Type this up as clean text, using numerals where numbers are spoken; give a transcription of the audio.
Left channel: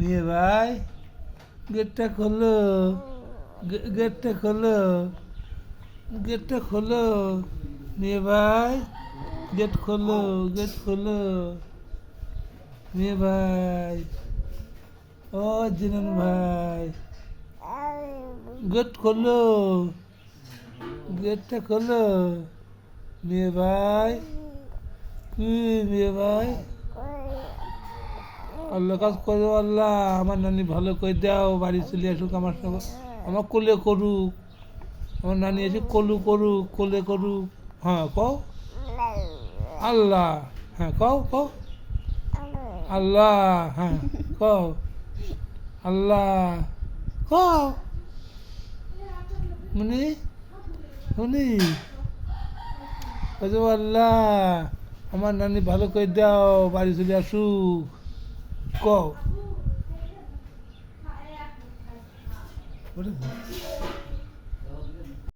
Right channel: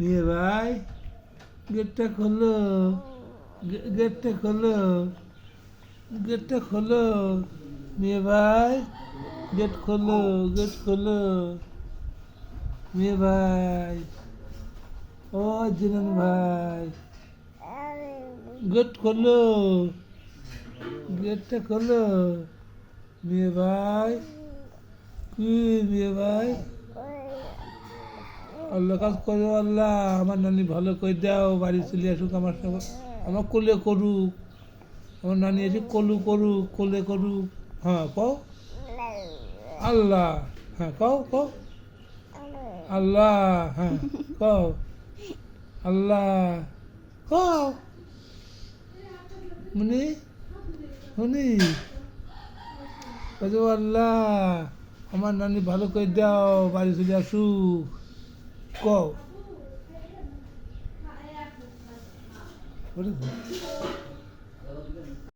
মেয়ে ভাই গেটটা খোলো, গেটটা খোলো, গেটটা খোলো। মেয়ে ভাই গেট খোলো, গেট খোলো। মেয়ে ভাই, ও জিনন ভাই, গেট খোলো, গেটটা খোলো। মেয়ে ভাই, কি মেয়ে ভাই? আল্লাহ কাজ করো আল্লাহ, আমার নানি ভালো করে দাও, বাড়ি চলে আসুক আমার সঙ্গে, আমার কোলে করুক, আমার নানি এসে কলু করুক, কোলে করুক। হ্যাঁ কও আল্লাহ, হ্যাঁ কও কও আল্লাহ, হ্যাঁ কও আল্লাহ, কও মুনি, মুনি বলছো আল্লাহ আমার নানি ভালো করে দাও, বাড়ি চলে আসুক, কও।